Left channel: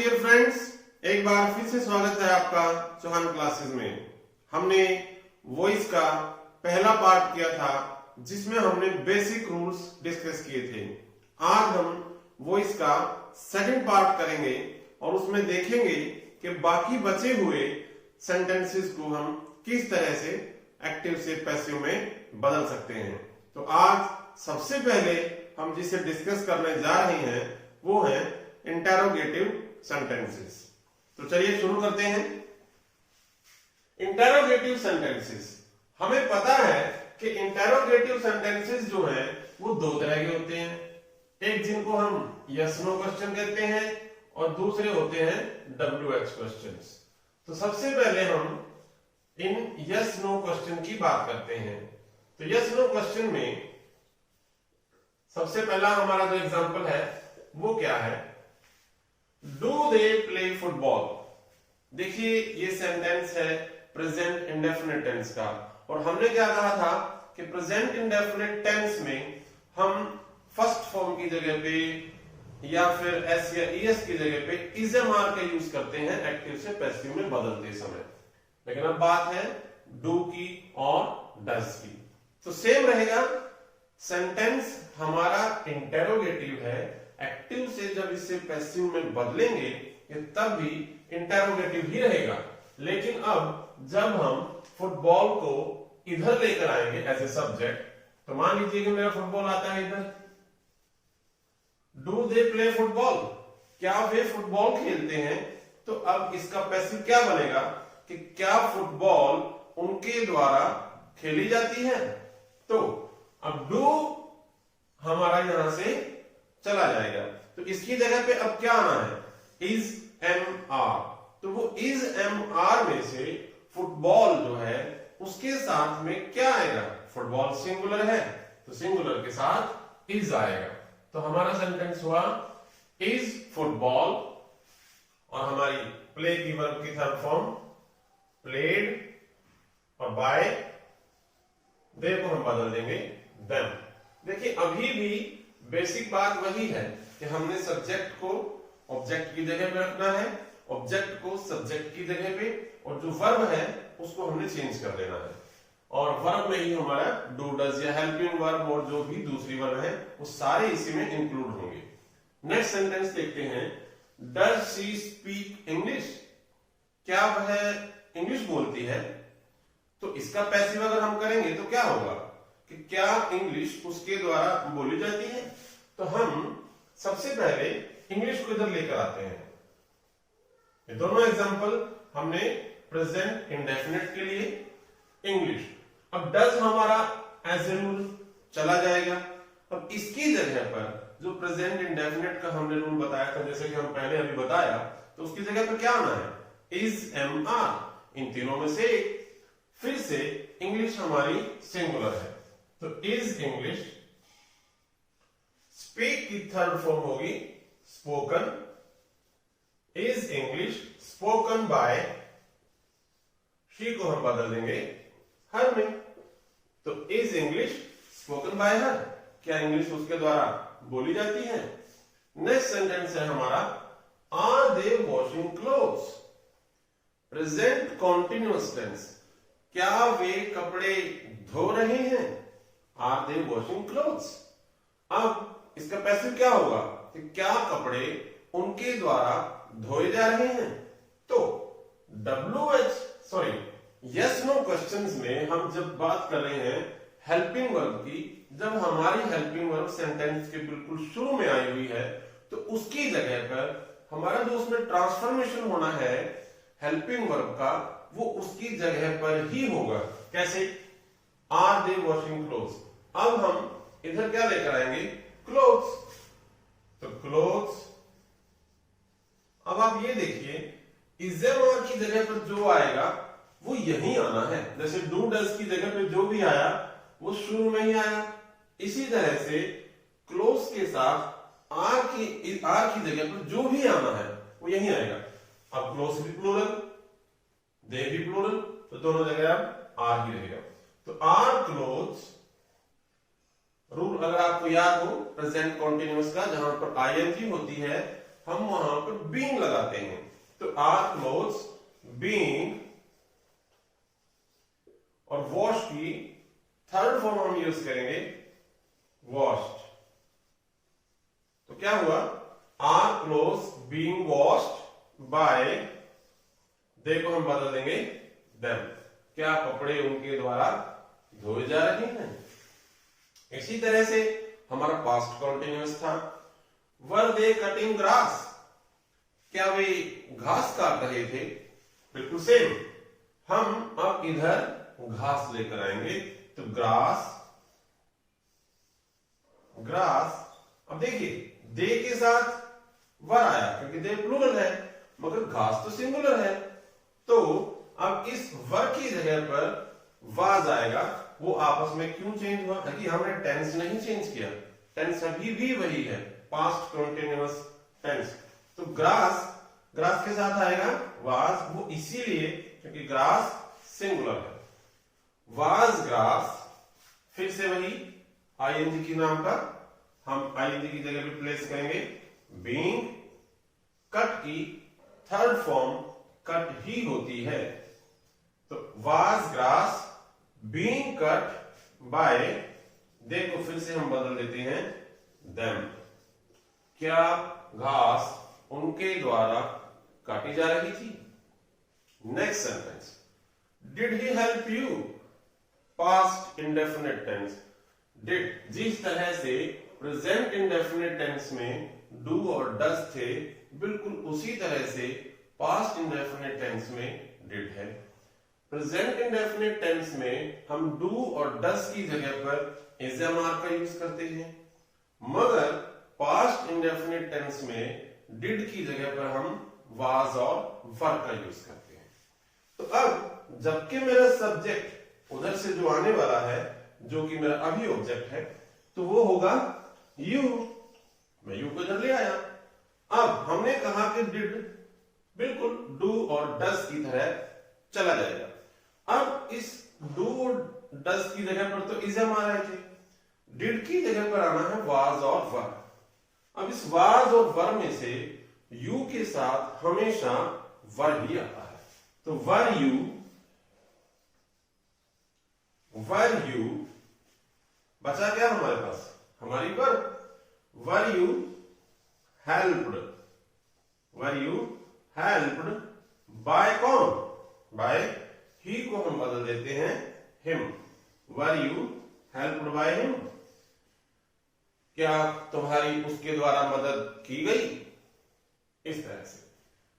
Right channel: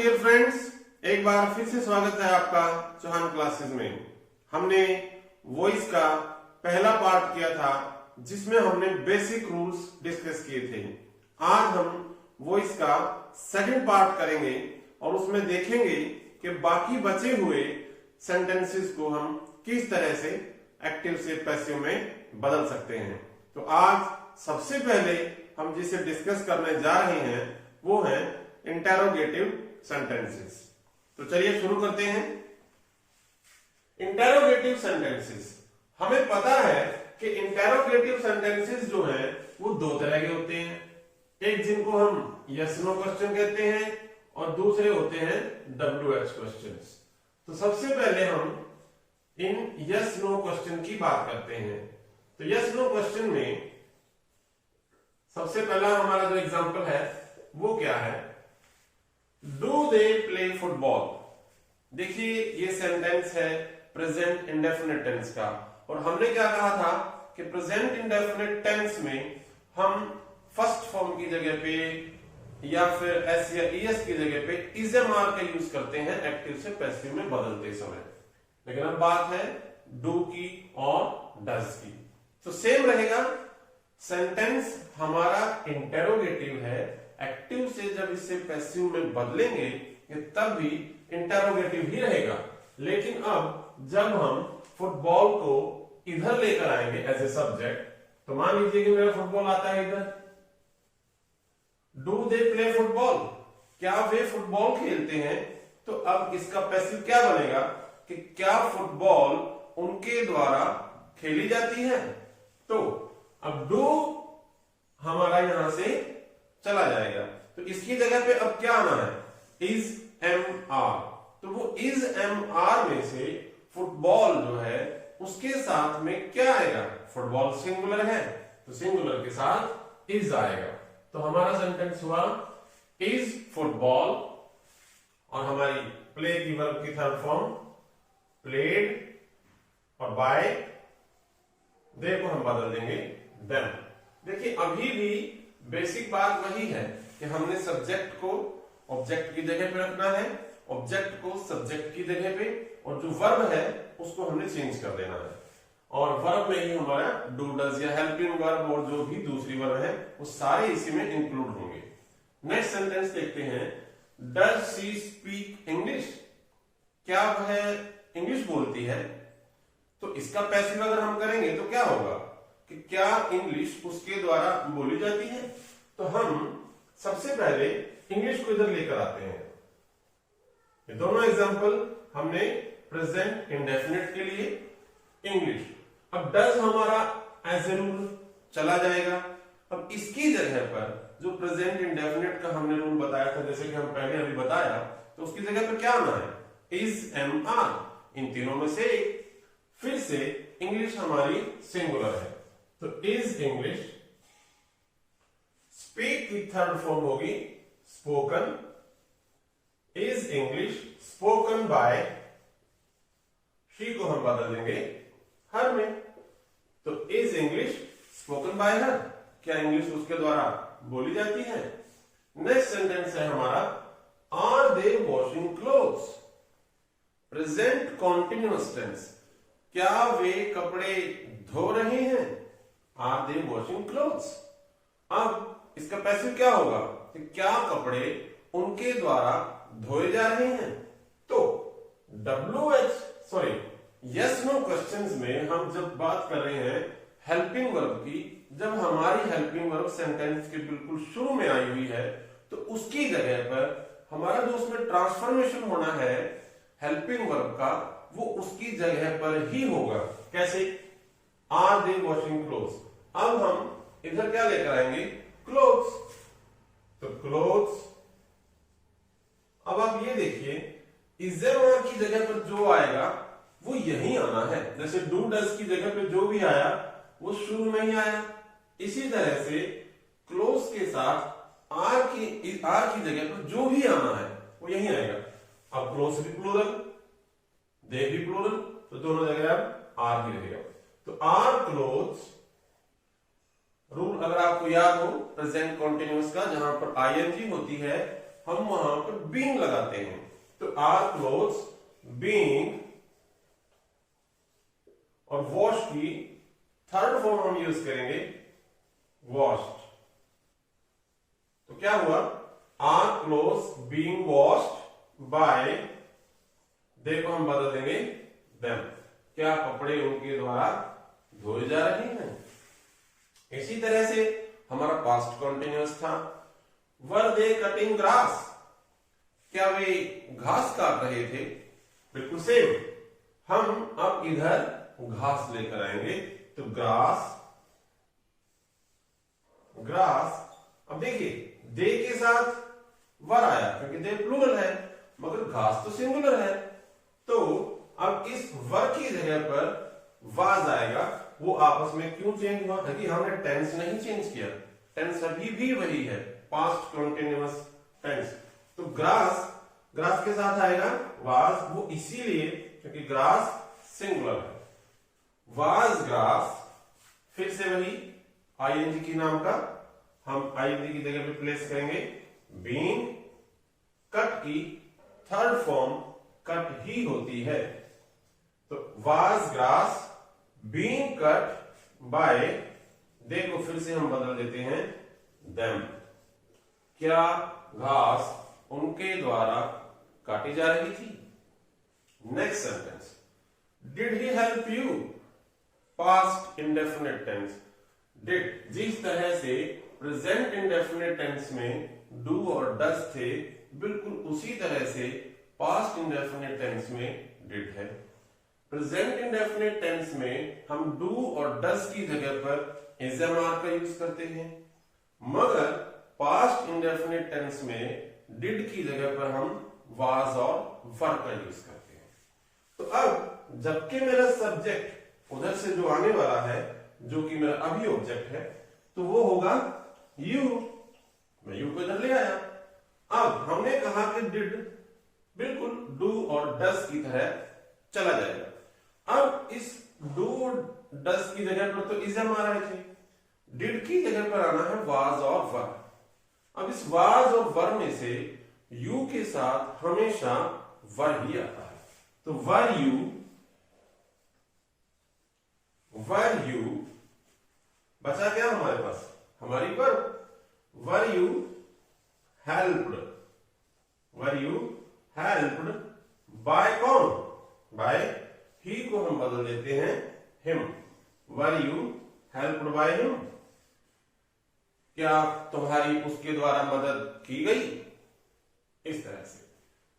Dear friends, एक बार फिर से स्वागत है आपका चौहान क्लासेस में। हमने वॉइस का पहला पार्ट किया था जिसमें हमने बेसिक रूल्स डिस्कस किए थे। आज हम वॉइस का सेकंड पार्ट करेंगे और उसमें देखेंगे कि बाकी बचे हुए सेंटेंसेस को हम किस तरह से एक्टिव से पैसिव में बदल सकते हैं। तो आज सबसे पहले हम जिसे डिस्कस करने जा रहे हैं वो है इंटेरोगेटिव सेंटेंसेस। तो चलिए शुरू करते हैं। इंटेरोगेटिव सेंटेंसेस, हमें पता है कि इंटेरोगेटिव सेंटेंसेस जो हैं वो दो तरह के होते हैं, एक जिनको हम यस नो क्वेश्चन कहते हैं और दूसरे होते हैं WH क्वेश्चंस। तो सबसे पहले हम इन यस नो क्वेश्चन की बात करते हैं। तो यस नो क्वेश्चन में सबसे पहला हमारा जो एग्जांपल है वो क्या है, डू दे प्ले फुटबॉल। देखिए ये सेंटेंस है प्रेजेंट इंडेफिनिट टेंस का, और हमने क्या कहा था कि प्रेजेंट इंडेफिनिट टेंस में हम फर्स्ट फॉर्म की जगह पे या फिर एस या ईएस की जगह पे इज एम आर का यूज करते हैं एक्टिव से पैसिव में बदलते समय। लेकिन अब बात है डू की और डज की, तो सेम रहेगा। सेंटेंस हमारा इंटेरोगेटिव है, एक्टिव से जब इसे पैसिव में बदलेंगे ये तब भी इंटेरोगेटिव ही रहेगा। लेकिन अब जब हम फुटबॉल को इधर लेकर आएंगे एज ए सब्जेक्ट, तो मान लीजिए कि मेरा फुटबॉल आता है इधर, डू दे प्ले फुटबॉल, क्या वे फुटबॉल खेलते हैं। तो अब इसका पैसिव क्या बनेगा कि क्या फुटबॉल उनके द्वारा खेली जाती है। तो अब डू हमारा यहां से चला जाएगा, तो इसकी जगह पे अब क्या आना है, इज एम आर। तो वो इज एम आर में से फुटबॉल जो है उसके साथ में क्या आएगा, फुटबॉल सिंगुलर है तो सिंगुलर के साथ इज आएगा। तो हमारा सेंटेंस हुआ इज फुटबॉल, और हमारी प्ले की वर्ब की थर्ड फॉर्म प्लेड, और बाय दे को हम बदल देंगे देम। देखिए अभी भी बेसिक बात वही है कि हमने सब्जेक्ट को ऑब्जेक्ट की जगह पे रखना है, ऑब्जेक्ट को सब्जेक्ट की जगह पे, और जो वर्ब है उसको हमने चेंज कर देना है। और वर्ब में ही हमारा डू डज या हेल्पिंग वर्ब और जो भी दूसरी वर्ब है वो सारे इसी में इंक्लूड होंगे। नेक्स्ट सेंटेंस देखते हैं, डज शी स्पीक इंग्लिश, क्या वह इंग्लिश बोलती है। तो इसका पैसिव अगर हम करेंगे तो क्या होगा कि क्या इंग्लिश उसके द्वारा बोली जाती है। तो हम सबसे पहले इंग्लिश को इधर लेकर आते हैं। ये दोनों एग्जांपल हमने प्रेजेंट इंडेफिनिट के लिए इंग्लिश। अब डज हमारा एज ए रूल चला जाएगा। अब इसकी जगह पर जो प्रेजेंट इंडेफिनिट का हमने रूल बताया था, जैसे कि हम पहले अभी बताया, तो उसकी जगह पर क्या आना है, इज एम आर। इन तीनों में से फिर से इंग्लिश हमारी सिंगुलर है, तो इज इंग्लिश। स्पीक की थर्ड फॉर्म होगी spoken, is English spoken by, she को हम बदल देंगे हर में, तो is English spoken by her, क्या इंग्लिश उसके द्वारा बोली जाती है। नेक्स्ट सेंटेंस है हमारा are they washing clothes, present continuous tense, क्या वे कपड़े धो रहे हैं, आर दे वॉशिंग क्लोथ्स। अब इसका पैसिव क्या होगा कि क्या कपड़े उनके द्वारा धोए जा रहे हैं। तो यस नो क्वेश्चंस में हम जब बात कर रहे हैं हेल्पिंग वर्ब की, जब हमारी हेल्पिंग वर्ब सेंटेंस के बिल्कुल शुरू में आई हुई है, तो उसकी जगह पर हमारा जो उसमें ट्रांसफॉर्मेशन होना है हेल्पिंग वर्ब का, वो उसकी जगह पर ही होगा। कैसे, आर दे वॉशिंग क्लोथ्स। अब हम इधर क्या लेकर आएंगे, क्लोथ्स, तो क्लोथ्स। अब आप ये देखिए इज एम आर की जगह पर जो आएगा वो यही आना है। जैसे डू डज की जगह पे जो भी आया वो शुरू में ही आया, इसी तरह से क्लोज के साथ आर की जगह पर जो भी आना है वो यही आएगा। अब क्लोज भी प्लूरल, दे भी प्लूरल, तो दोनों जगह आप आर ही रहेगा। तो आर क्लोथ्स रूल अगर आपको याद हो प्रेजेंट कॉन्टिन्यूअस का, जहां पर आईएनजी होती है हम वहां पर बीइंग लगाते हैं। तो आर क्लोथ्स बीइंग, और वॉश की थर्ड फॉर्म हम यूज करेंगे वॉश्ड। तो क्या हुआ, are clothes being washed by, देखो हम बदल देंगे देम, क्या कपड़े उनके द्वारा धोए जा रहे हैं। इसी तरह से हमारा पास्ट कॉन्टिन्यूअस था, वर दे कटिंग ग्रास, क्या वे घास काट रहे थे। बिल्कुल सेम, हम अब इधर घास लेकर आएंगे। तो ग्रास, ग्रास, अब देखिए दे के साथ वर आया क्योंकि दे प्लूरल है, मगर घास तो सिंगुलर है। तो अब इस वर की जगह पर वाज आएगा। वो आपस में क्यों चेंज हुआ, क्योंकि हमने टेंस नहीं चेंज किया, टेंस अभी भी वही है, पास्ट कंटीन्यूअस टेंस। तो ग्रास, ग्रास के साथ आएगा वाज, वो इसीलिए क्योंकि ग्रास सिंगुलर है। वाज ग्रास, फिर से वही आईएनजी की नाम का हम आईएनजी की जगह पे प्लेस करेंगे बीइंग, कट की थर्ड फॉर्म कट ही होती है। तो was grass being cut by, देखो फिर से हम बदल देते हैं देम, क्या घास उनके द्वारा काटी जा रही थी। Next sentence, did he help you, past indefinite tense. Did, जिस तरह से प्रेजेंट इंडेफिनिट टेंस में डू और डज थे, बिल्कुल उसी तरह से पास्ट इंडेफिनिट टेंस में डिड है। प्रेजेंट इंडेफिनिट टेंस में हम डू और डज की जगह पर इज एम आर का यूज करते हैं, मगर पास्ट इंडेफिनिट टेंस में डिड की जगह पर हम वाज और वर का यूज करते हैं। तो अब जबकि मेरा सब्जेक्ट उधर से जो आने वाला है, जो कि मेरा अभी ऑब्जेक्ट है, तो वो होगा यू, मैं यू को इधर ले आया। अब हमने कहा कि डिड बिल्कुल डू और डज की तरह चला जाएगा। अब इस डू और डज की जगह पर तो इज एम आ रहे थे, डिड की जगह पर आना है वाज और वर। अब इस वाज और वर में से यू के साथ हमेशा वर ही आता है। तो वर यू बचा क्या हमारे पास, हमारी were you helped, were you helped bye कौन, बाय ही को हम बदल देते हैं him, were you helped by him, क्या तुम्हारी उसके द्वारा मदद की गई, इस तरह से।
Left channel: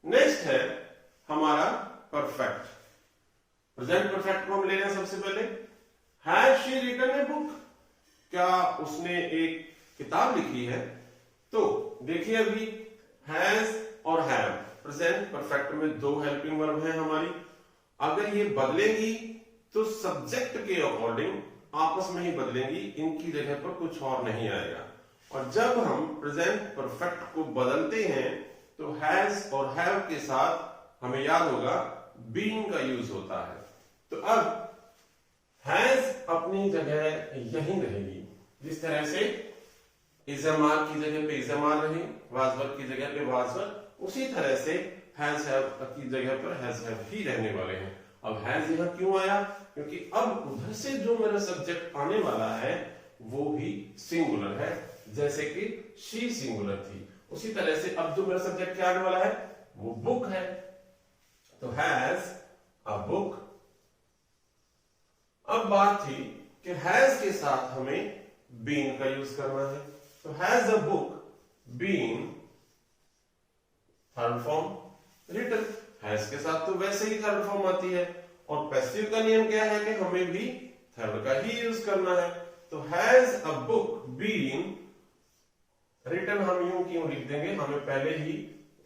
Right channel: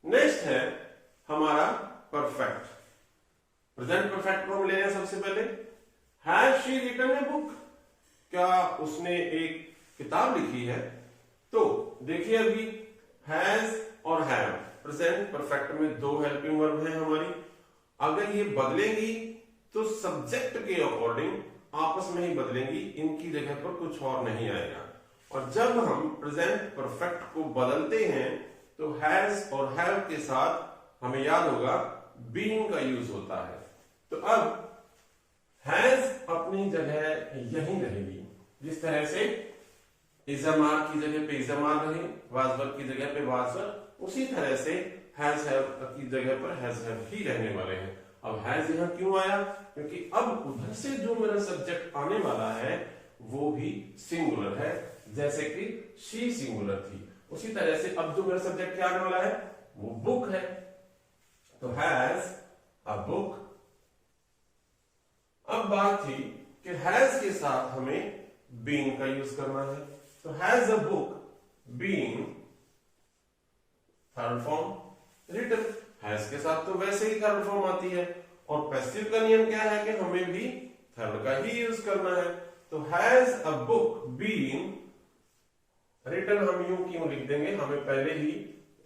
नेक्स्ट है हमारा परफेक्ट, प्रेजेंट परफेक्ट को हम ले रहे हैं सबसे पहले। Has she written a book, क्या उसने एक किताब लिखी है। तो देखिए अभी हैज और हैव प्रेजेंट परफेक्ट में दो हेल्पिंग वर्ब हैं हमारी, अगर ये बदलेंगी तो सब्जेक्ट के अकॉर्डिंग आपस में ही बदलेंगी, इनकी जगह पर कुछ और नहीं आएगा। और जब हम प्रेजेंट परफेक्ट को बदलते हैं तो हैज और हैव के साथ हमें याद होगा बीइंग का यूज होता है। तो अब हैज अपनी जगह यहीं रहेगी, जिस तरह से इजमार की जगह पे इजमार रही, वाजवर की जगह पे वाजवर, उसी तरह से हैज हैव की जगह पर हैज हैव ही रहने वाले हैं। अब हैज यहां क्यों आया, क्योंकि अब उधर से जो मेरा सब्जेक्ट आने वाला है वो भी सिंगुलर है, जैसे कि शी सिंगुलर थी, उसी तरह से अब जो मेरा सब्जेक्ट क्या आने वाला है वो बुक है। तो हैज अ बुक। अब बात थी कि हैज के साथ हमें बीन का यूज करना है। तो has a book been third form written, has के साथ तो वैसे ही थर्ड फॉर्म आती है, और पैसिव का नियम क्या है कि हमें भी थर्ड का ही यूज करना है। तो has a book been written हम यूं क्यों लिख देंगे, हमें पहले ही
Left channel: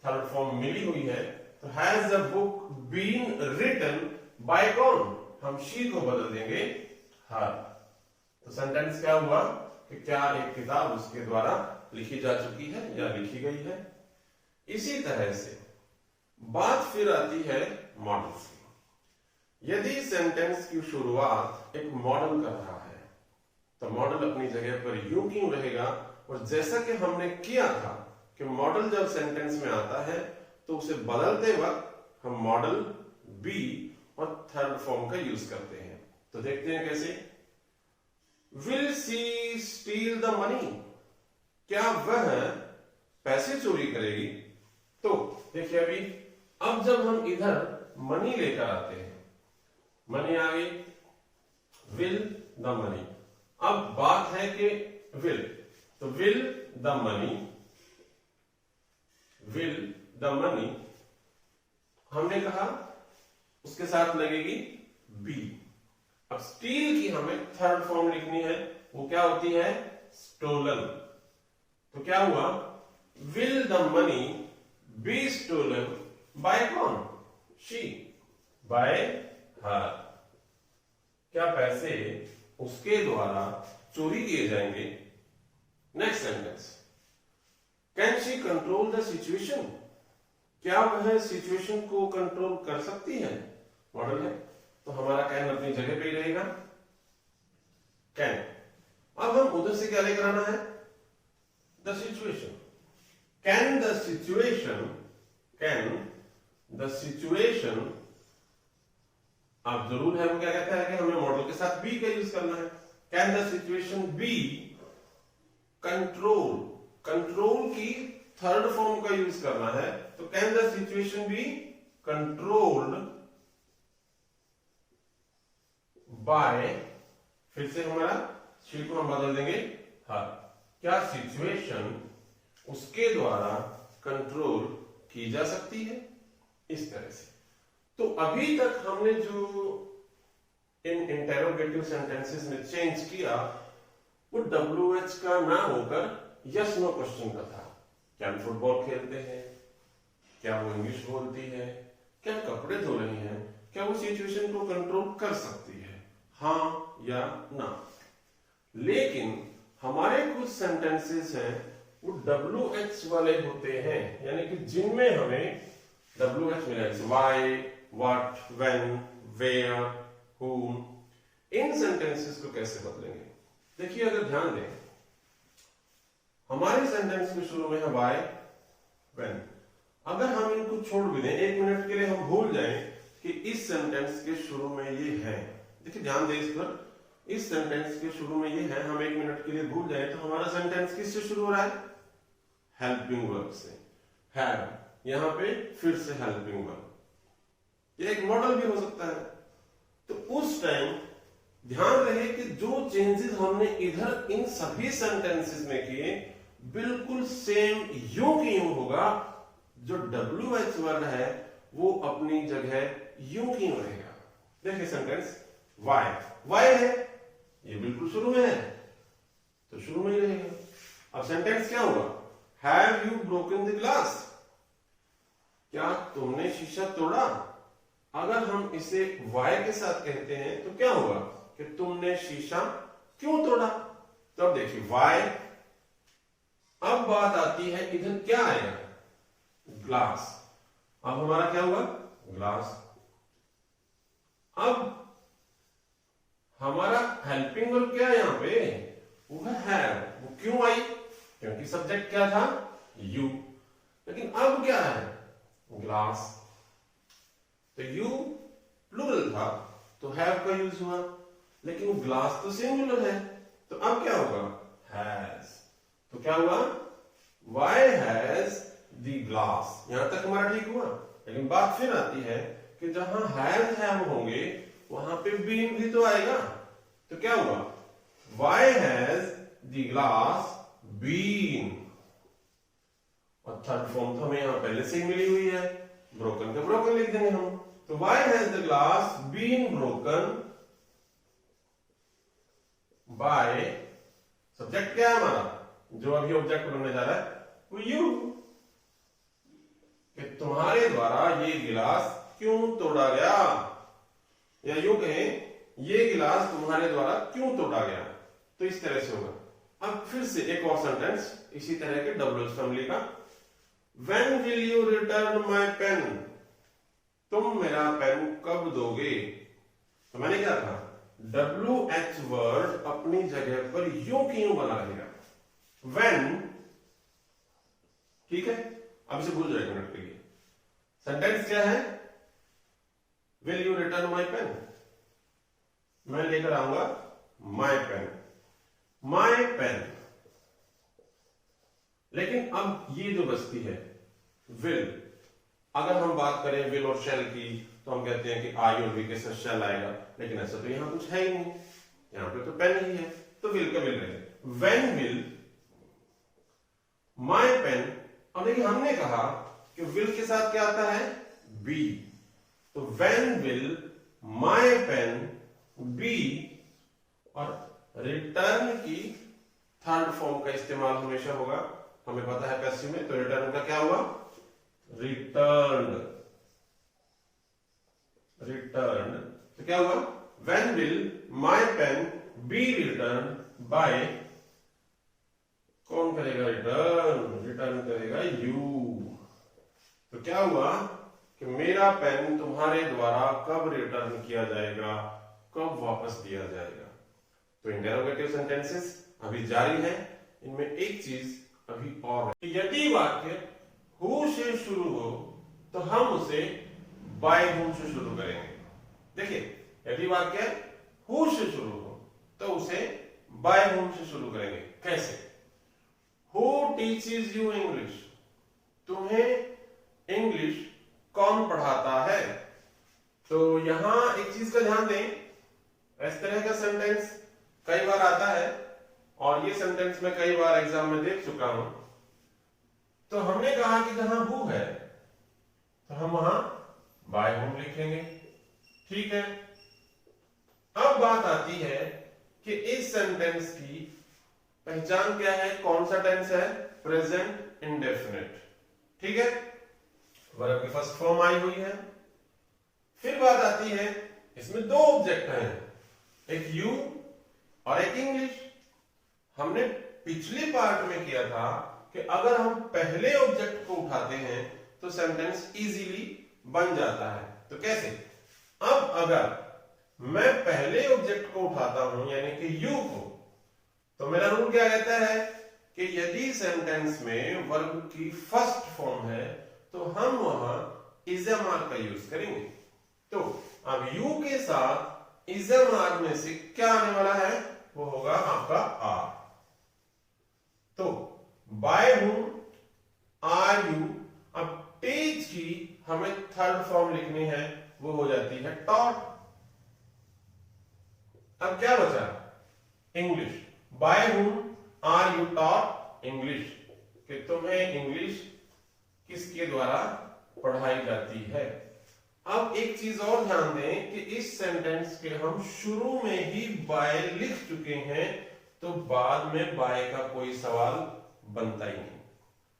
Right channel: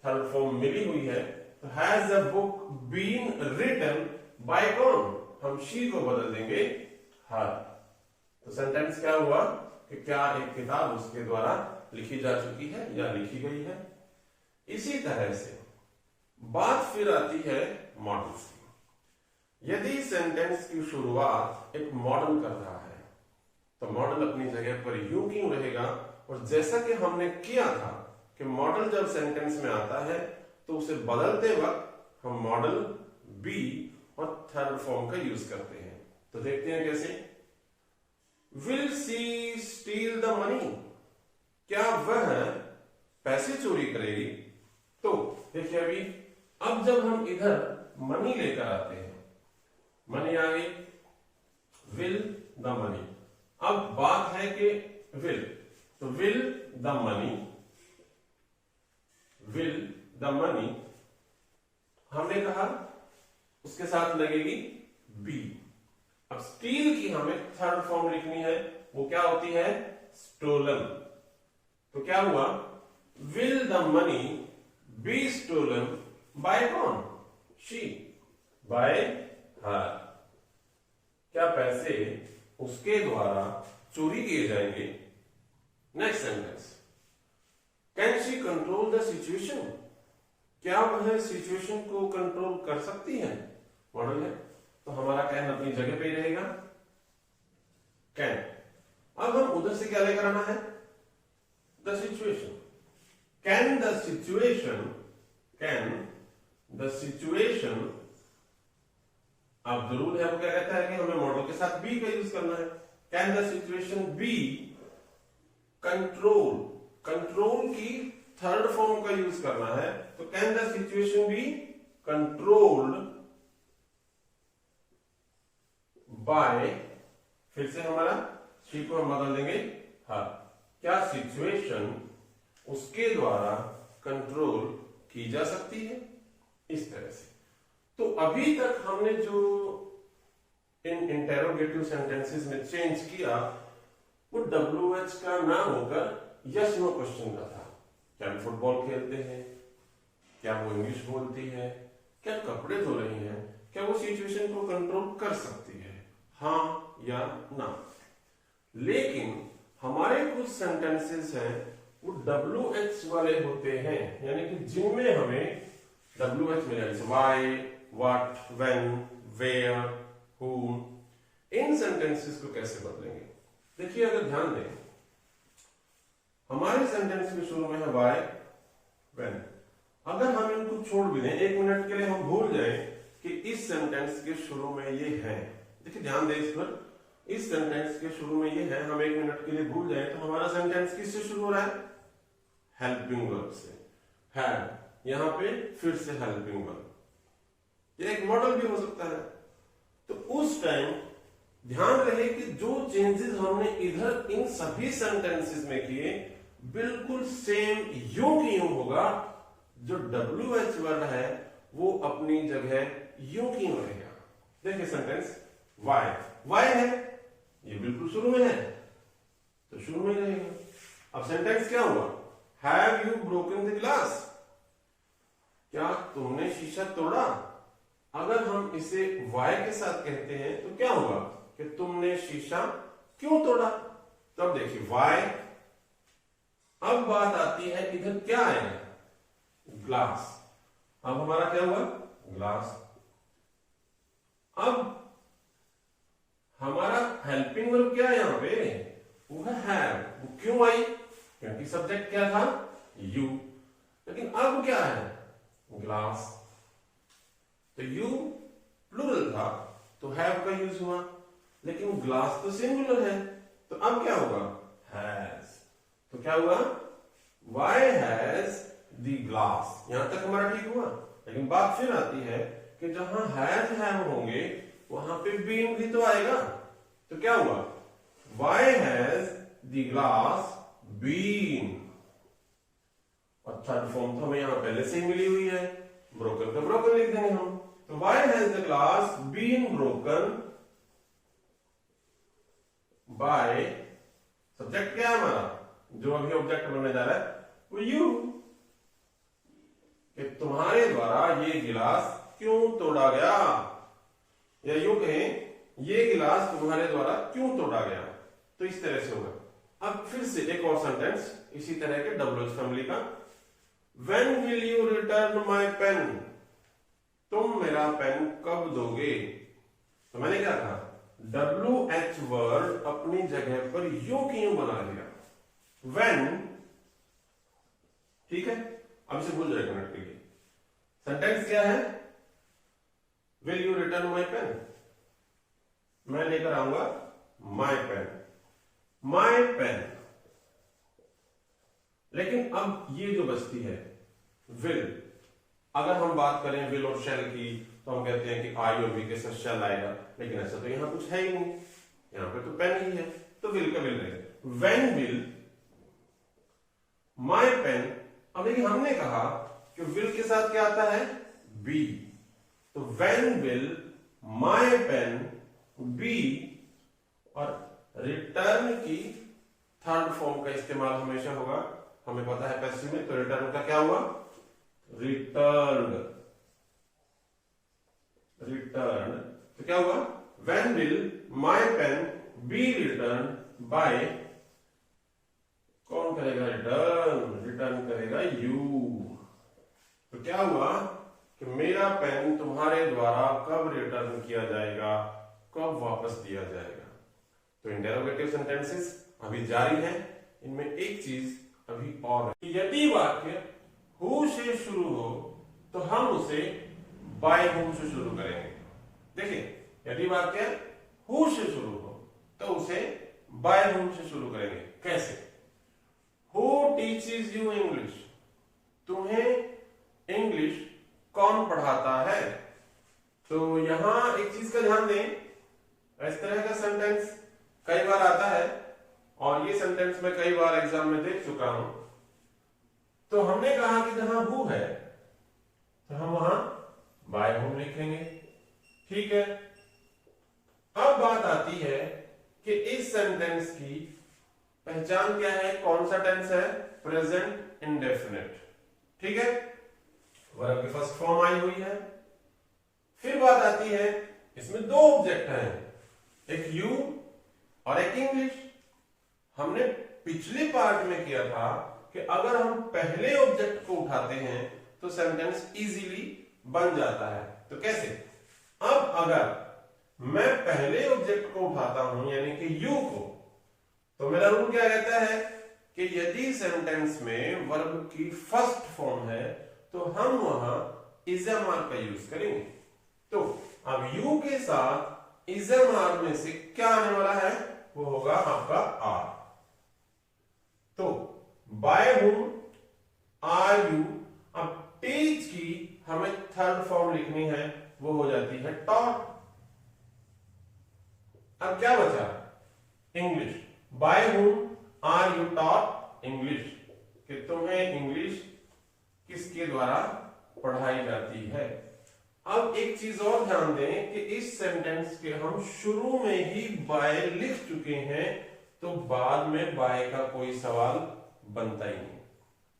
थर्ड फॉर्म मिली हुई है। तो has a book been written by कौन, हम शी को बदल देंगे हर। तो सेंटेंस क्या हुआ कि क्या एक किताब उसके द्वारा लिखी जा चुकी है या लिखी गई है। इसी तरह से बात फिर आती है मॉडल्स की। यदि सेंटेंस की शुरुआत एक मॉडल कर रहा है तो मॉडल अपनी जगह पर यूं क्यों रहेगा, और जैसा कि हमने किया था कि मॉडल जब सेंटेंस में आता है तो उसे बदलते वक्त हम मॉडल बी और थर्ड फॉर्म का यूज करते हैं। तो देखते हैं कैसे। Will see steel the money, क्या वह पैसे चोरी करेगी? तो देखिए अभी अब जब हम इधर मनी लेकर आते हैं, मनी आ गई, विल द मनी। अब बात है कि विल, तो will the money, will the money हमने कहा उसके साथ लगेगी बी। अब स्टील की हमें थर्ड फॉर्म लिखनी है, वो क्या होती है? स्टोलन। तो क्या हुआ? Will the money be stolen by कौन? She, by her. क्या पैसे उसके द्वारा चोरी किए जाएंगे? Next sentence, can she control the situation, क्या वह सिचुएशन को कंट्रोल कर सकती है? मॉडल है तो हमारा कैन अपनी जगह पे ही रहेगा, कैन। अब हम उधर से क्या लेकर आना है? The situation. Can the situation, can the situation, अब जरूर है वो क्या कहता है कि हमें मॉडल के साथ बी का यूज करना है। Can the situation be control, control की थर्ड फॉर्म का यूज करना है, तो can the situation be controlled by, फिर से हमारा शी को हम बदल देंगे हर। क्या सिचुएशन उसके द्वारा कंट्रोल की जा सकती है? इस तरह से। तो अभी तक हमने जो इन इंटेरोगेटिव सेंटेंसेस में चेंज किया वो WH का ना होकर यस नो क्वेश्चन का था। क्या हम फुटबॉल खेलते हैं? क्या वो इंग्लिश बोलती है? क्या कपड़े धो रही हैं? क्या वो सिचुएशन को कंट्रोल कर सकती है? हाँ या ना। लेकिन हमारे कुछ सेंटेंसेस हैं वो WH वाले होते हैं, यानी कि जिनमें हमें WH मिला, जैसे why, what, when, where, whom। इन सेंटेंसेस को कैसे बदलेंगे? देखिए अगर ध्यान दें, हमारे सेंटेंस के शुरू में है वाई, व्हेन। अगर हम इनको छोड़ भी दें, एक मिनट के लिए हम भूल जाएं कि इस सेंटेंस के शुरू में ये है, देखिए ध्यान दें इस पर, इस सेंटेंस के शुरू में ये है, हम एक मिनट के लिए भूल जाए तो हमारा सेंटेंस किससे शुरू हो रहा है? हेल्पिंग वर्ब से। हैव, यहां पे फिर से हेल्पिंग वर्ब, ये एक मॉडल भी हो सकता है। तो उस टाइम ध्यान रहे कि जो चेंजेस हमने इधर इन सभी सेंटेंसेस में किए बिल्कुल सेम यूं की यूं होगा, जो WH वर्ड है वो अपनी जगह यूं की यूं रहेगा। देखिए सेंटेंस वाई, वाई है ये बिल्कुल शुरू में है तो शुरू में ही रहेगा। अब सेंटेंस क्या हुआ? Have you broken the glass, क्या तुमने शीशा तोड़ा? अगर हम इसे वाई के साथ कहते हैं तो क्या होगा कि तुमने शीशा क्यों तोड़ा? तब देखिए वाई। अब बात आती है इधर क्या आएगा? ग्लास। अब हमारा क्या हुआ? ग्लास। अब हमारा हेल्पिंग वर्ब क्या है यहां पे? वो है हैव। वो क्यों आई? क्योंकि सब्जेक्ट क्या था? यू। लेकिन अब क्या है? ग्लास। तो यू प्लूरल था तो हैव का यूज हुआ, लेकिन ग्लास तो सिंगुलर है तो अब क्या होगा? हैज। तो क्या हुआ? Why has the glass. यहां तक हमारा ठीक हुआ। लेकिन बात फिर आती है कि जहां हैज हैव होंगे वहां पे बीन भी तो आएगा। तो क्या हुआ? Why has the glass been. और थर्ड फॉर्म तो हमें यहां पहले से ही मिली हुई है, ब्रोकन का ब्रोकन लिख देंगे हम। तो why has the glass been broken by, subject क्या है हमारा जो अभी ऑब्जेक्ट बनने जा रहा है? वो यू। कि तुम्हारे द्वारा ये गिलास क्यों तोड़ा गया, या यूं कहें ये गिलास तुम्हारे द्वारा क्यों तोड़ा गया। तो इस तरह से होगा। अब फिर से एक और सेंटेंस इसी तरह के WH फैमिली का। When will you return my pen? तुम मेरा पेन कब दोगे? तो मैंने क्या कहा? WH वर्ड अपनी जगह पर यूं की यूं बना लिया। When ठीक है, अब इसे भूल जाएगा मिनट के लिए। सेंटेंस क्या है? Will you return my pen? मैं लेकर आऊंगा माई पेन, माई पेन। लेकिन अब ये जो बचती है विल, अगर हम बात करें विल और शैल की तो हम कहते हैं कि आई और वी के साथ शैल आएगा, लेकिन ऐसा तो यहां कुछ है ही नहीं, यहां पे तो पेन ही है, तो विल का विल रहेगा। When will my pen. अब देखिए हमने कहा कि विल के साथ क्या आता है? बी, तो when will my pen be, और रिटर्न की थर्ड फॉर्म का इस्तेमाल हमेशा होगा, हमें पता है पैसिव में, तो रिटर्न का क्या हुआ? रिटर्न, रिटर्न, तो क्या हुआ? When will my pen be return by, कौन करेगा रिटर्न? रिटर्न करेगा यू। तो क्या हुआ कि मेरा पेन तुम्हारे द्वारा कब रिटर्न किया जाएगा, कब वापस दिया जाएगा। तो इंटरोगेटिव सेंटेंसेस अभी जारी है, इनमें एक चीज अभी और है। यदि वाक्य हु से शुरू हो तो हम उसे बाय हुम से शुरू करेंगे। देखिए, यदि वाक्य हु से शुरू हो तो उसे बाय हुम से शुरू करेंगे। कैसे? Who teaches you English? तुम्हें इंग्लिश कौन पढ़ाता है? तो यहां एक चीज का ध्यान दें, इस तरह का सेंटेंस कई बार आता है और ये सेंटेंस मैं कई बार एग्जाम में देख चुका हूं। तो हमने कहा कि जहां हु है तो हम वहां बाय हुम लिखेंगे, ठीक है। अब बात आती है कि इस सेंटेंस की पहचान क्या है, कौन सा टेंस है? प्रेजेंट इंडेफिनिट, ठीक है, वर्ब की फर्स्ट फॉर्म आई हुई है। फिर बात आती है, इसमें दो ऑब्जेक्ट हैं, एक यू और एक इंग्लिश। हमने पिछले पार्ट में किया था कि अगर हम पहले ऑब्जेक्ट को उठाते हैं तो सेंटेंस इजीली बन जाता है। तो कैसे? अब अगर मैं पहले ऑब्जेक्ट को उठाता हूं यानी कि यू को, तो मेरा रूल क्या कहता है कि यदि सेंटेंस में वर्ब की फर्स्ट फॉर्म है तो हम वहां इज़म आर का यूज करेंगे। तो अब यू के साथ इज़म आर में से क्या आने वाला है? वो होगा आपका आर। तो बाय हुम आर यू, अब टीच की हमें थर्ड फॉर्म लिखनी है, वो हो जाती है टॉट। अब क्या बचा? English. By whom are you taught English, कि तुम्हें इंग्लिश किसके द्वारा पढ़ाई जाती है। अब एक चीज और ध्यान दें कि इस सेंटेंस के हम शुरू में ही बाय लिख चुके हैं, तो बाद में बाय का कोई सवाल बनता ही नहीं।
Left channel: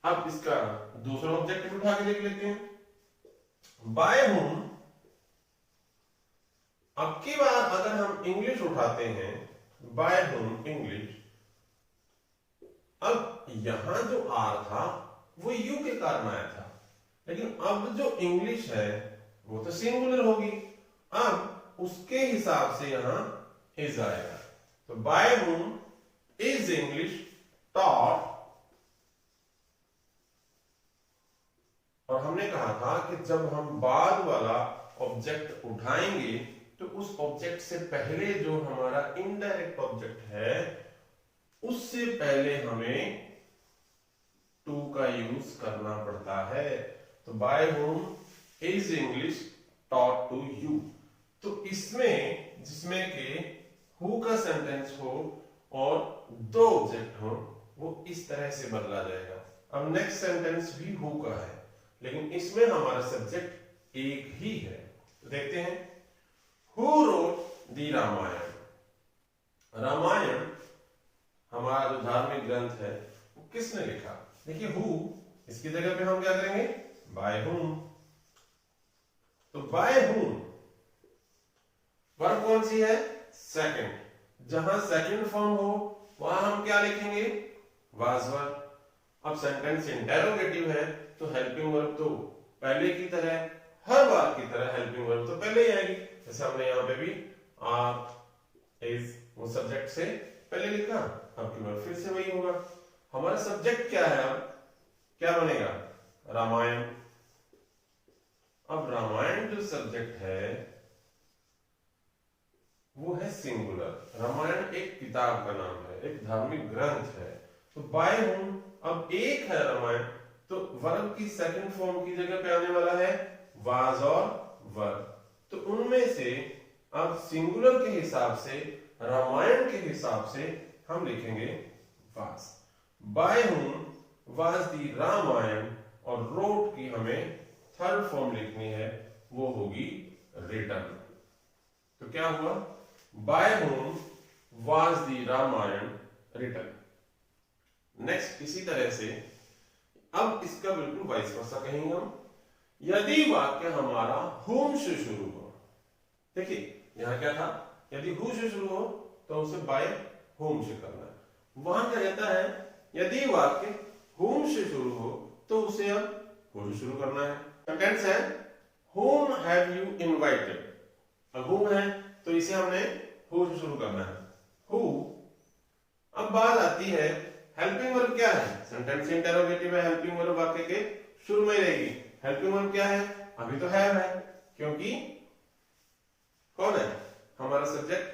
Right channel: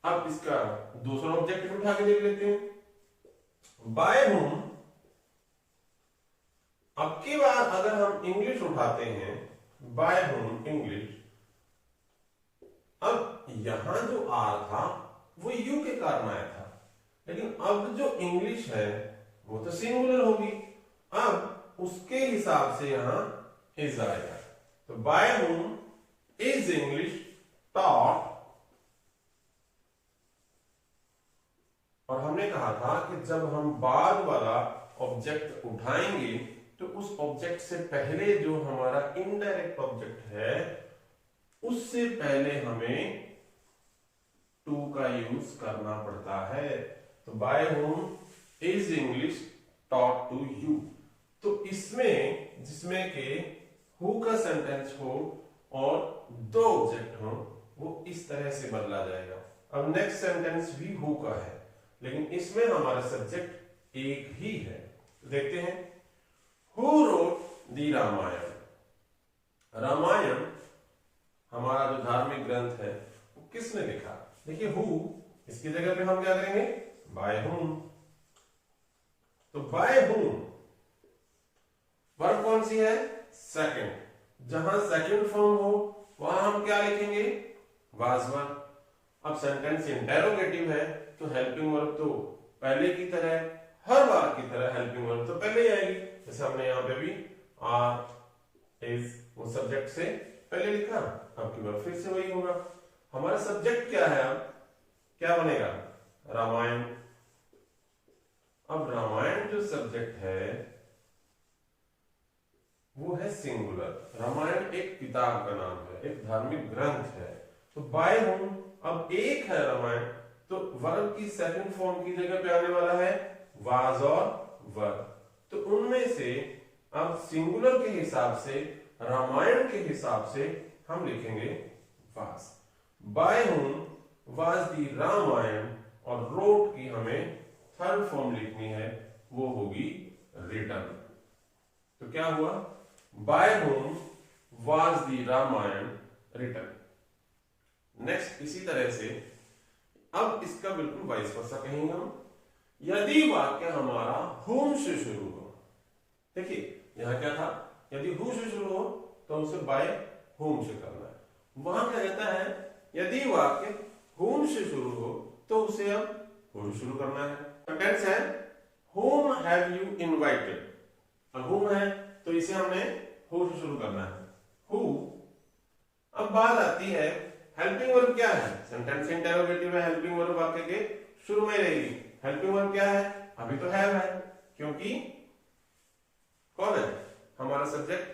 अब इसका दूसरा ऑब्जेक्ट उठा के देख लेते हैं। बाय हुम, अब की बार अगर हम इंग्लिश उठाते हैं, बाय हुम इंग्लिश, अब यहां जो आर था वो यू के कारण आया था, लेकिन अब जो इंग्लिश है वो तो सिंगुलर होगी, अब उसके हिसाब से यहां इज आएगा। तो by whom is English taught, और हमने कहा था कि जब हम बाद वाला ऑब्जेक्ट उठाएंगे तो उस ऑब्जेक्ट से पहले जो हमारा इनडायरेक्ट ऑब्जेक्ट है उससे पहले हमें टू का यूज करना पड़ता है। तो by whom is English taught to you, तो इसमें जिसमें के हु का सेंटेंस हो और दो ऑब्जेक्ट हो, वो इस तरह से बदला जाएगा। अब नेक्स्ट सेंटेंस भी हु का है, लेकिन इसमें हमारा सब्जेक्ट एक ही है। तो देखते हैं, who wrote the Ramayan. Ramayan हमारा जो धार्मिक ग्रंथ है वो किसने लिखा? देखिए हु, इसकी जगह पे हम क्या करेंगे? By whom. तो बाय हुम वर्ब कौन सी है? सेकंड। जहां सेकंड फॉर्म हो वहां हम क्या लिखेंगे? Was verb. अब सेंटेंस इंटेरोगेटिव है तो हेल्पिंग वर्ब तो पहले की तरह, हर बार की तरह हेल्पिंग वर्ब तो पहले ही आएगी। जैसे हमने यहां पे भी आर इज वो सब्जेक्ट से पहले लिखा, अब की बार फिर से वही होगा। हमारा सब्जेक्ट क्या है? अब क्या बनेगा? रामायण। अब रामायण जो सब्जेक्ट है वो है सिंगुलर। रामायण एक किताब का नाम है, एक धार्मिक ग्रंथ है। तो बाय होम, अब एक है रामायण, तो वर्ब की सेकंड फॉर्म की जगह पे आने वाला है वाज और वर। तो उनमें से अब सिंगुलर के हिसाब से, रामायण के हिसाब से हम लिखेंगे was. By whom was the Ramayan, और रोट की हमें थर्ड फॉर्म लिखनी है, वो होगी रिटन। तो क्या हुआ? By whom was the Ramayan written. Next इसी तरह से अब इसका बिल्कुल वाइस वर्सा कहेंगे हम। यदि वाक्य हमारा होम से शुरू हो, देखिए यहां क्या था, यदि हु से शुरू हो तो उसे बाय होम से करना है। वहां क्या कहता है, यदि वाक्य होम से शुरू हो तो उसे अब हु से शुरू करना है। सेंटेंस है whom have you invited, अब whom है तो इसे हमने हु से शुरू करना है, हु। अब बात आती है हेल्पिंग वर्ब क्या है, सेंटेंस इंटरोगेटिव है, हेल्पिंग वर्ब वाक्य के शुरू में रहेगी। हेल्पिंग वर्ब क्या है? अभी तो हैव है, क्योंकि कौन है हमारा सब्जेक्ट,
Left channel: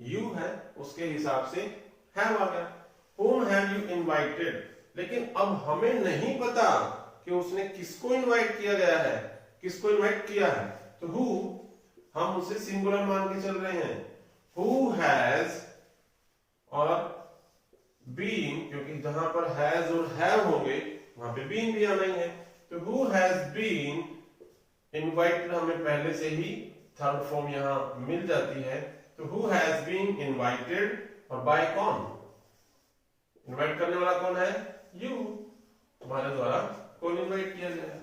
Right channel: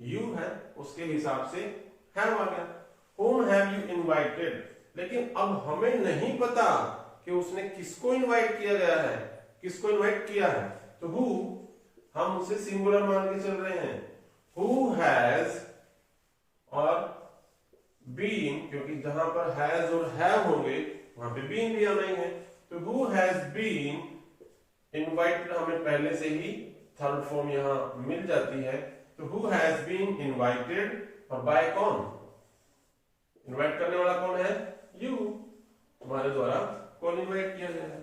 यू है, उसके हिसाब से हैव आ गया। whom have you invited, लेकिन अब हमें नहीं पता कि उसने किसको इनवाइट किया गया है, किसको इनवाइट किया है। तो हु हम उसे सिंगुलर मान के चल रहे हैं। हु हैज और बीन, क्योंकि जहां पर हैज और हैव होंगे वहां पे बीन भी आना ही है। तो हु हैज बीन इनवाइटेड, हमें पहले से ही थर्ड फॉर्म यहां मिल जाती है। तो हु हैज बीन इनवाइटेड, और बाय कौन, इनवाइट करने वाला कौन है? यू, तुम्हारे द्वारा कौन इनवाइट किया गया है।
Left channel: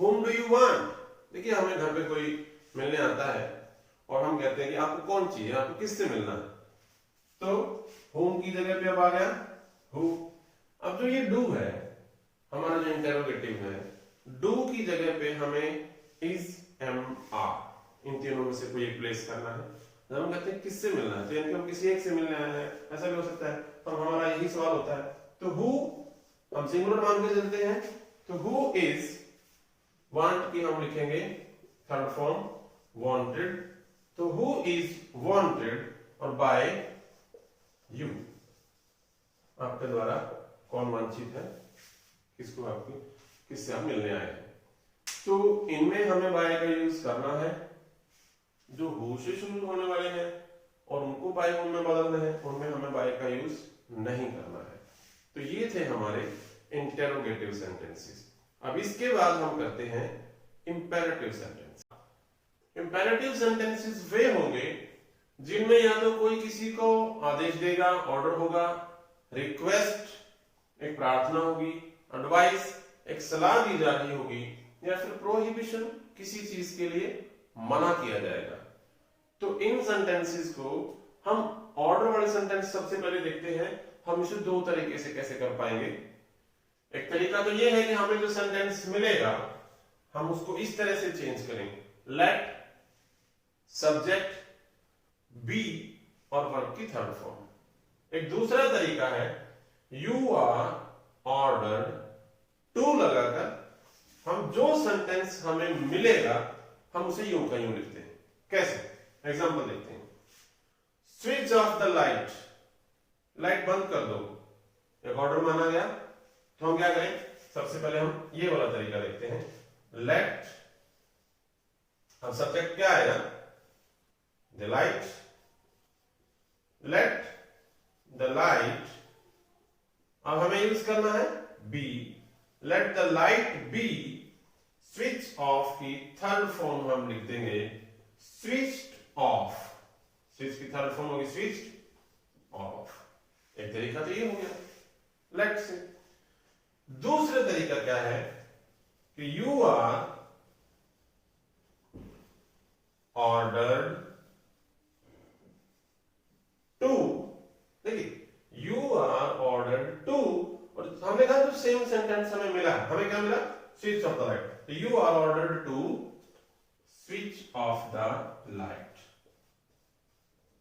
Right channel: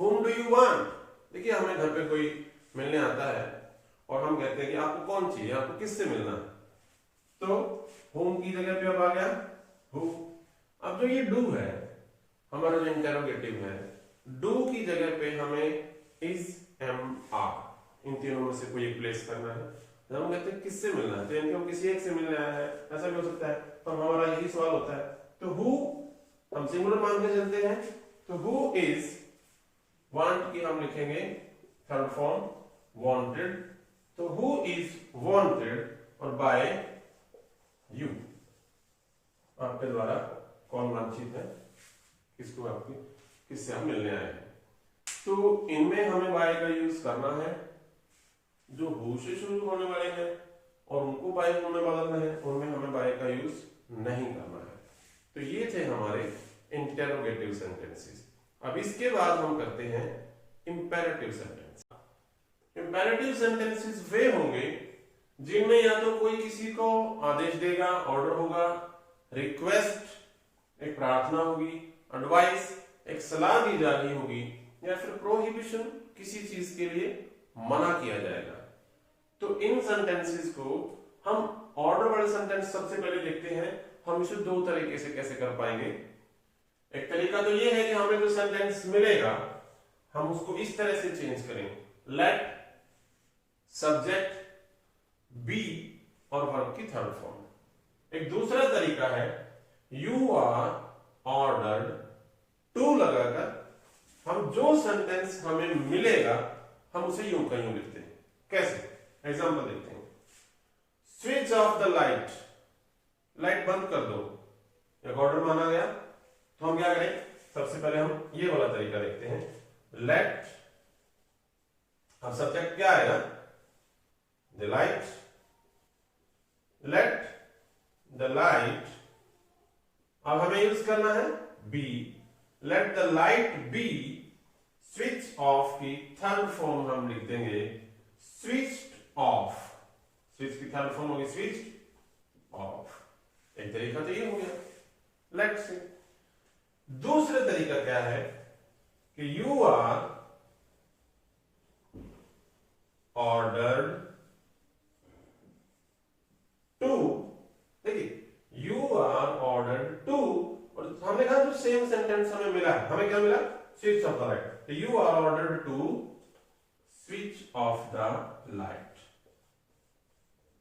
Whom do you want, देखिए हमें घर पे कोई मिलने आता है और हम कहते हैं कि आपको कौन चाहिए, आपको किससे मिलना है, तो whom की जगह पे अब आ गया who। अब जो ये do है हमारा जो इंटेरोगेटिव है, do की जगह पे हमें is, am, are, इन तीनों में से कोई एक प्लेस करना है। हम कहते हैं किससे मिलना है, तो यानी हम किसी एक से मिलने आए हैं, ऐसा भी हो सकता है। तो हमारा यही सवाल होता है। तो who हम सिंगुलर मान के चलते हैं, तो who is, वांट की हम लिखेंगे थर्ड फॉर्म वांटेड। तो हु इज वांटेड, और बाय यू, आपके द्वारा कौन वांछित है, किसको आपकी किससे आप मिलने आए हैं। तो इनमें हमें बाय का यूज करना है। जो हु से शुरू होने वाले हैं और उनको बाय होम में बदलना है, उनमें हमें बाय का यूज नहीं करना है। तो ये थे हमारे इंटेरोगेटिव सेंटेंसेस। अब इसके बाद हम करते हैं इंपेरेटिव सेंटेंस। इंपेरेटिव सेंटेंसेस वे होंगे जिनमें या तो कोई किसी को आदेश देगा, ऑर्डर होगा, रिक्वेस्ट एक प्रार्थना होगी, एडवाइस एक सलाह दी जा रही होगी, या फिर प्रोहिबिशन किसी चीज के लिए मना किया जाएगा। तो इन सेंटेंसेस को हम ऑर्डर वाले सेंटेंस सबसे पहले देखते हैं। हम इसे दो तरीके से कैसे कर पाएंगे। एक तरीका तो यह है कि हमें जो सेंटेंस मिलेगा हम उसको इस तरह से चेंज करें, लेट सब्जेक्ट बी और वर्ब की थर्ड फॉर्म। एक दूसरा तरीका है यू आर ऑर्डर्ड टू लगाकर हम जो सेंटेंस हमें मिलेगा हम उसे यूं का यूं लिखते हैं। कैसे? एग्जांपल देखते हैं। Switch off the light, light बंद कर दो, एक ऑर्डर माना गया। तो हम क्या करें, सबसे पहले हम ये वाला तरीका देखते हैं, लेट, अब सब्जेक्ट क्या आएगा, the light, let the light. अब हमें यूज करना है be, let the light be. Switch off की थर्ड फॉर्म हम लिख देंगे स्विच्ड ऑफ, स्विच की थर्ड फॉर्म होगी स्विच्ड ऑफ। एक तरीका तो ये हो गया लेट से। दूसरा तरीका क्या है कि यू आर ऑर्डर्ड टू, देखिए यू आर ऑर्डर्ड टू, और हमने कहा जो सेम सेंटेंस हमें मिला, हमें क्या मिला, स्विच ऑफ द लाइट। तो you are ordered to switch off the light.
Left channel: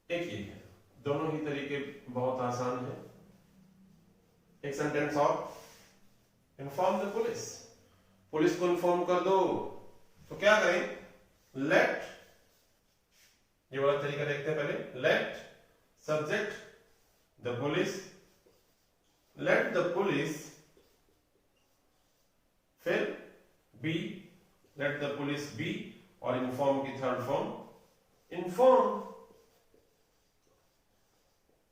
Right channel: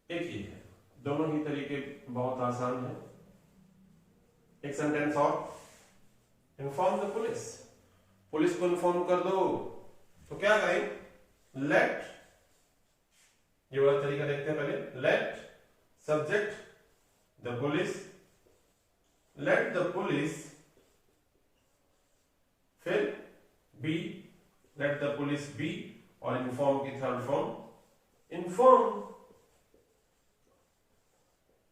एक ही है, दोनों ही तरीके बहुत आसान है। एक सेंटेंस और, इन्फॉर्म द पुलिस, पुलिस को इन्फॉर्म कर दो। तो क्या करें, लेट, ये वाला तरीका देखते हैं पहले, let subject the police, let the police, फिर be, let the police be, और इन्फॉर्म की third form inform,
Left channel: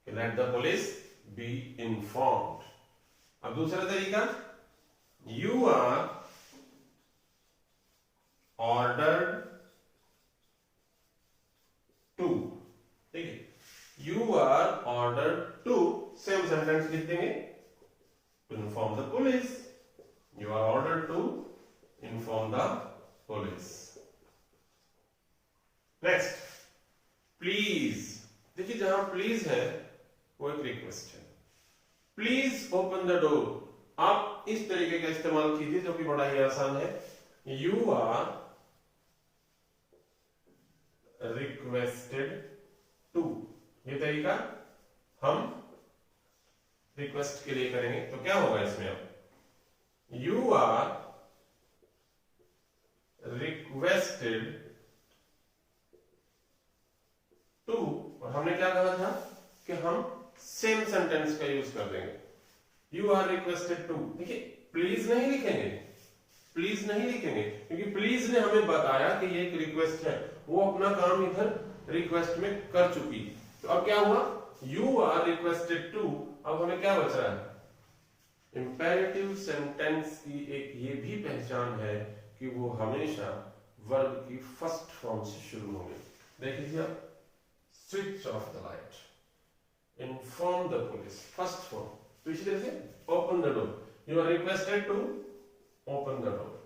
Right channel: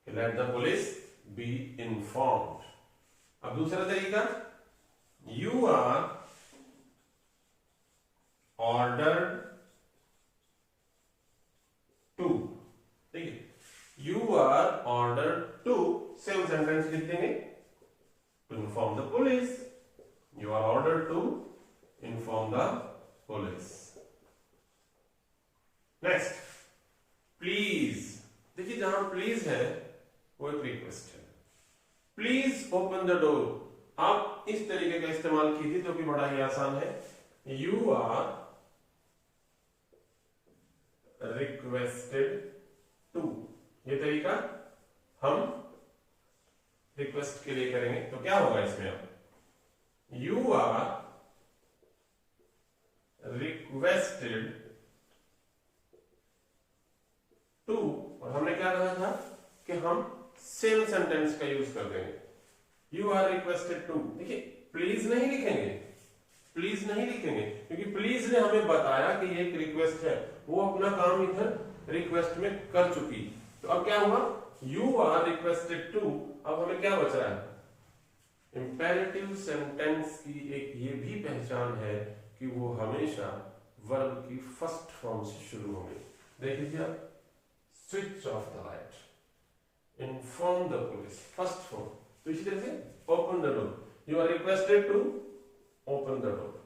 let the police be informed. अब दूसरा तरीका, यू आर ऑर्डर्ड टू, ठीक है, you are ordered to, same sentence लिख देंगे, to inform the police, you are ordered to inform the police. Next, please, देखिए जहां please है वो एक रिक्वेस्ट है, प्लीज ओपन द डोर। आप इस तरीके का इस्तेमाल कीजिए जो कि बड़ा ही आसान है, यू आर रिक्वेस्टेड टू, ये तरीका हम रिक्वेस्ट के लिए करेंगे। तो क्या होगा इसमें, अब यू आर रिक्वेस्टेड टू, और हमने क्या कहा था कि हम सेम सेंटेंस का यूज कर देंगे, यू आर रिक्वेस्टेड टू। देखिए प्लीज नहीं लिखेंगे, प्लीज नहीं लिखेंगे, क्योंकि प्लीज ने हमें बताया कि ये एक रिक्वेस्ट है, वो अपना काम इधर रिक्वेस्ट में कर चुकी। तो अब क्या हुआ, यू आर रिक्वेस्टेड टू, अब हमें क्या बच रहा है, इंपेरेटिव सेंटेंस की एक ये भी पहचान है कि वो हमेशा वर्ब की फर्स्ट फॉर्म से शुरू होंगे। देख लीजिए आप, switch off the light, inform the police, first form. तो इसी तरह से open the door, you are requested to open the door.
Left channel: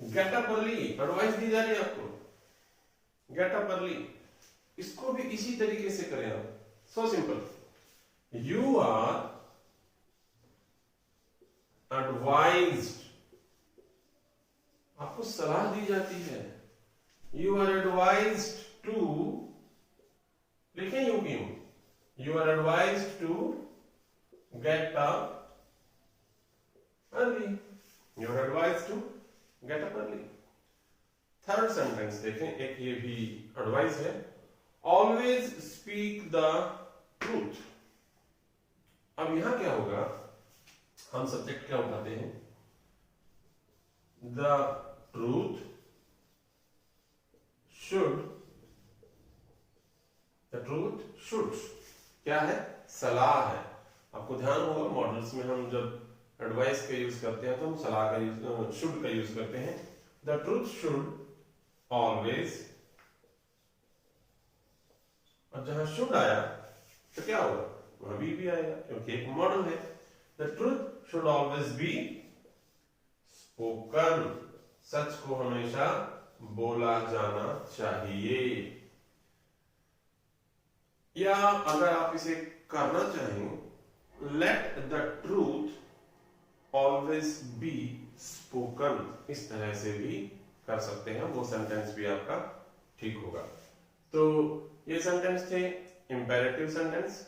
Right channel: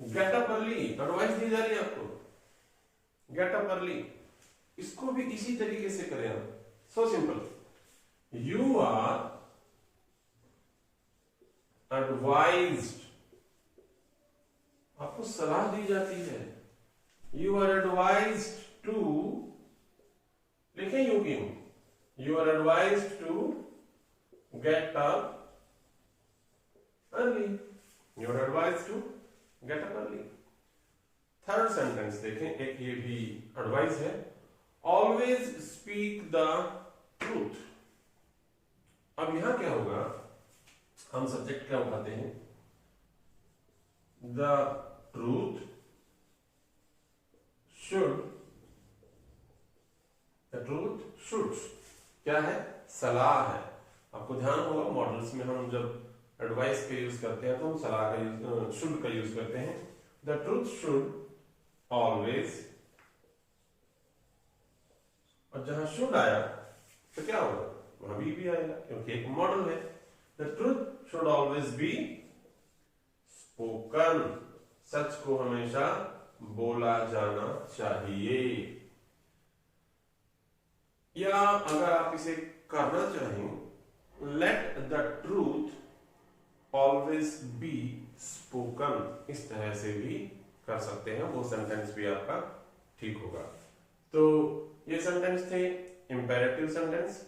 Get up early, advice दी जा रही है आपको, गेट अप अर्ली, इसको भी इसी तरीके से करें आप, so simple, you are advised, आपको सलाह दी जाती है, यू आर एडवाइज्ड टू, लिखें यू क्यों, you are advised to get up early, you are advised to get up early. Third sentence देखें, एक ये भी एडवाइस है, ऑलवेज स्पीक द ट्रूथ। अब यहां क्या होगा, हम सब्जेक्ट क्या उठाते हैं, the truth should, the truth should क्या है, सलाह है। आपको ध्यान होगा मॉडल्स में हम जब एडवाइस का यूज करते हैं तो हम सलाह का यूज, शुड का यूज करते हैं। द ट्रूथ शुड ऑलवेज, और जहां शुड आया तो क्या होगा, वहां भी आएगा क्योंकि एक मॉडल है। The truth should always be spoken, सच को हमेशा बोला जाना चाहिए। या अगर आप इसे करना चाहें, let the truth always be spoken, इस तरह से भी कर सकते हैं, वो सेंटेंस भी आपका ठीक होगा। तो ये सेंटेंस थे इंपेरेटिव सेंटेंस।